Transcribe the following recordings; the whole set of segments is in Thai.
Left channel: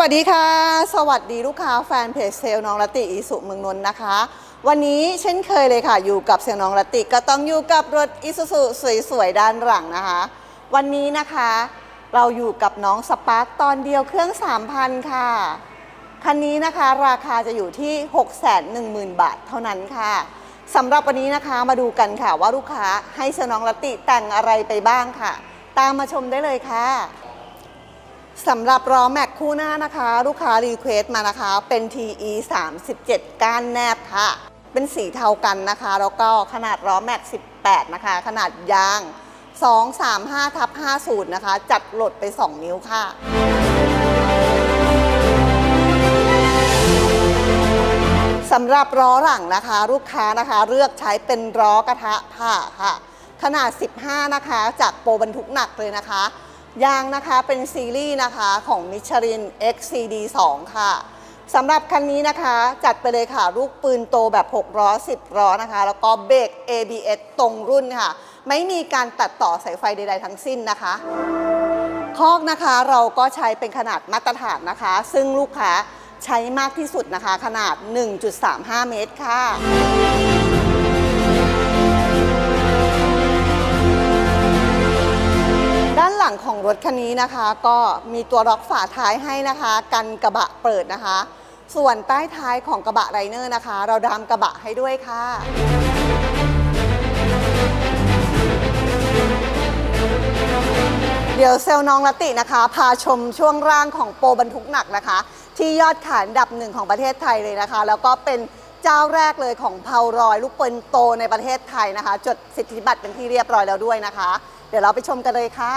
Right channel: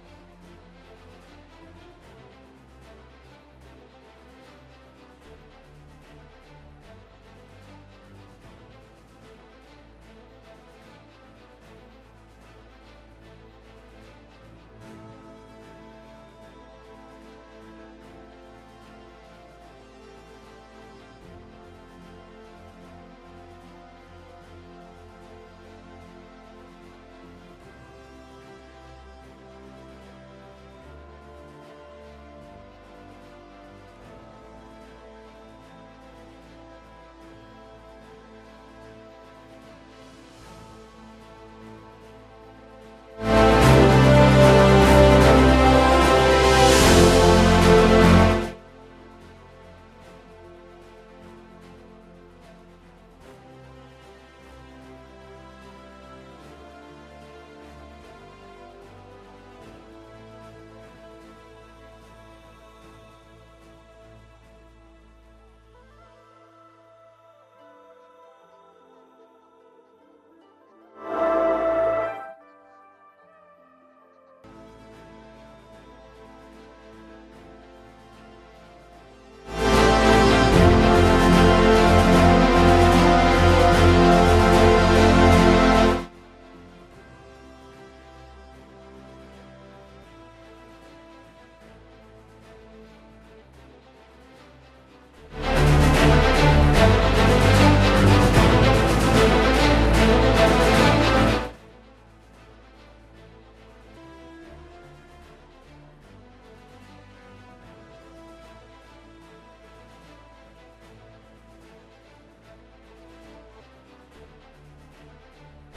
วัสดีค่ะ สวัสดีลูกค้าแฟนเพจเซลน้องละติอีสุเมืองนนท์นะคะ วันนี้เช่นเคยเลยค่ะ อยู่กับเซลน้องละติก็ต้องอยู่กับรถอิสุสุสวยๆ ด้านหลังนะคะ วันนี้นะคะ เราอยู่กับน้องสปาร์คตอนเดียวเครื่อง 3,000 ค่ะ คันนี้นะคะราคาจะอยู่ที่ 610,000 บาทเท่านั้นค่ะสำหรับวันนี้นะคะมาดูกันค่ะว่าลูกค้าให้เซลน้องละติแต่งอะไรไปบ้างค่ะ ตามมาชมได้เลยค่ะ สำหรับล้อแม็กคู่หน้านะคะ ลูกค้ารีเควสต์มานะคะ เป็น TE 37 ก้านแนบค่ะ เป็นสีเทากันนะคะ แล้วก็ขนาดล้อแม็ก 18 นะคะ ขนาดยาง 235ทับ50 นะคะ จัดโหลดไป 2 นิ้วค่ะสำหรับล้อหลังนะคะ ลูกค้านะคะเลือกใช้เป็นล้อกระทะผ่าค่ะ ขนาด 15 นะคะ จากโปรบรรทุกหนักเลยนะคะ ยางนะคะเป็นซีรีส์นะคะของมิชลิน XCD 2 ค่ะสำหรับคันนี้นะคะจัดไปเลยค่ะ ลูกปืนโตแบบ6ล้อ10ล้อนะคะ แล้วก็เบรก ABS ตรงรุ่นค่ะ ไม่มีการตัดต่อสายไฟใดๆทั้งสิ้นนะคะคอกนะคะเราก็ใช้เป็นขนาดมาตรฐานนะคะ ซึ่งลูกค้าใช้มากที่สุดนะคะ ขนาด 1.35 เมตรค่ะ รถคันนี้นะคะก็มีตัวล็อกฝาท้ายให้นะคะ กันกระบะเปิดนะคะ ส่วนใต้ท้ายของกระบะไรเนอร์นะคะ เราดามกระบะให้ด้วยค่ะเดี๋ยวเซลล์น้องลตินะคะ พาชมช่วงร่างของโปรบรรทุกหนักนะคะ ที่ยอดขายอันดับหนึ่งของประเทศไทยเลยนะคะ แล้วก็เป็นเจ้าแรกเลยของเพารอยลูกปืนโตในประเทศไทยนะคะ จดสิทธิบัตรเป็นที่เรียบร้อยแล้วด้วยนะคะ ดี๋ยวเราไปชมกันเลยค่ะ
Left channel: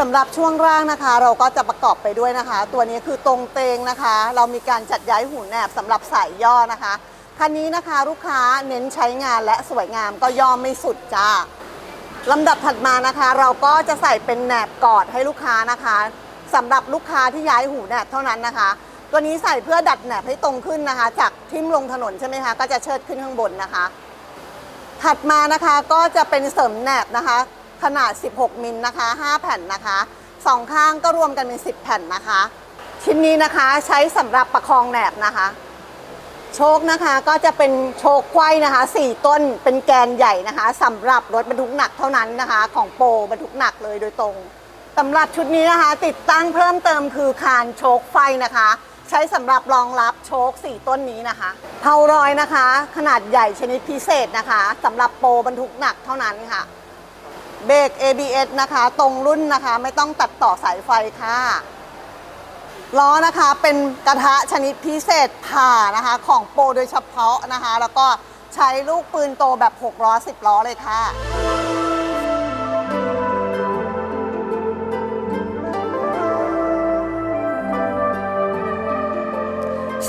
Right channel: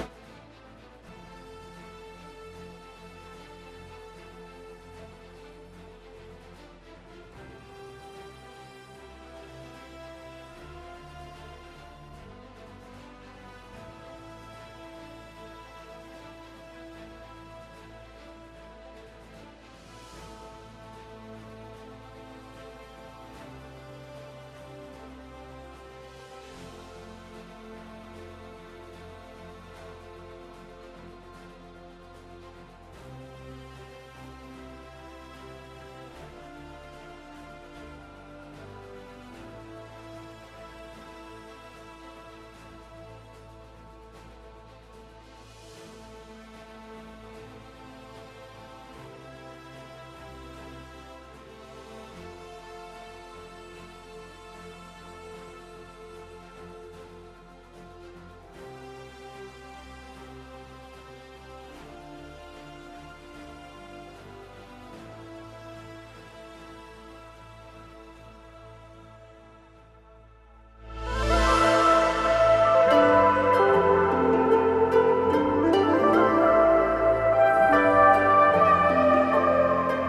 สำหรับช่วงร่างนะคะ เราก็จะประกอบไปด้วยนะคะ ตัวนี้คือตรงเตงนะคะ เรามีการจัดย้ายหูแหนบสำหรับสายย่อนะคะคันนี้นะคะลูกค้าเน้นใช้งานและสวยงามก็ย่อไม่สุดจ้าลำดับถัดมานะคะ เราก็จะใส่เป็นแหนบกอดให้ลูกค้านะคะสำหรับลูกค้าที่ย้ายหูแหนบเท่านั้นนะคะ ตัวนี้ใส่เพื่อดัดแหนบให้ตรงขึ้นนะคะ จากทิ่มลงถนนใช่ไหมคะก็จะเชิดขึ้นข้างบนนะคะ ถัดมานะคะก็จะเป็นเสริมแหนบนะคะ ขนาด 16 มิลนะคะ 5 แผ่นนะคะสองข้างก็รวมกันเป็น 10 แผ่นนะคะ ชิ้นนี้นะคะใช้สำหรับประคองแหนบนะคะ โชคนะคะก็จะเป็นโชคไขว้นะคะ 4 ต้นเป็นแกนใหญ่นะคะสำหรับรถบรรทุกหนักเท่านั้นนะคะ ของโปรบรรทุกหนักเลยโดยตรงสำหรับชุดนี้นะคะ ติดตั้งเพิ่มเติมคือคานโชคไฟนะคะ ใช้สำหรับรองรับโชค 4 ต้นนี้นะคะเผารอยนะคะ ขนาดใหญ่ชนิดพิเศษนะคะสำหรับโปรบรรทุกหนักเท่านั้นค่ะ เบรก ABS นะคะ ตรงรุ่นนะคะ ไม่ต้องตัดต่อสายไฟค่ะล้อนะคะเป็นกระทะชนิดพิเศษผ่านะคะ ของโปรโดยเฉพาะนะคะ แล้วก็ใช้ลูกปืนโตแบบ 6 ล้อ 10 ล้อเลยค่ะ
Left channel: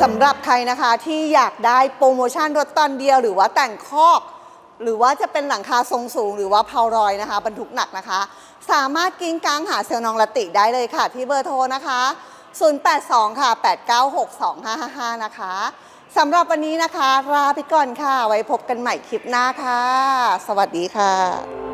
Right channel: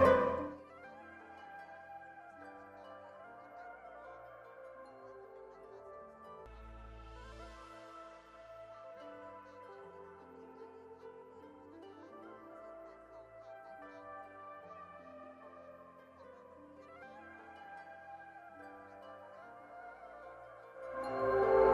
สำหรับใครนะคะที่อยากได้โปรโมชั่นรถตอนเดียว หรือว่าแต่งคอก หรือว่าจะเป็นหลังคาทรงสูง หรือว่าเพารอยนะคะ บรรทุกหนักนะคะ สามารถกิ้งกลางหาเซลล์นองละติได้เลยค่ะ ที่เบอร์โทรนะคะ 082 ค่ะ 896 2555 นะคะสำหรับวันนี้นะคะลาไปก่อนค่ะ ไว้พบกันใหม่คลิปหน้าค่ะ สวัสดีค่ะ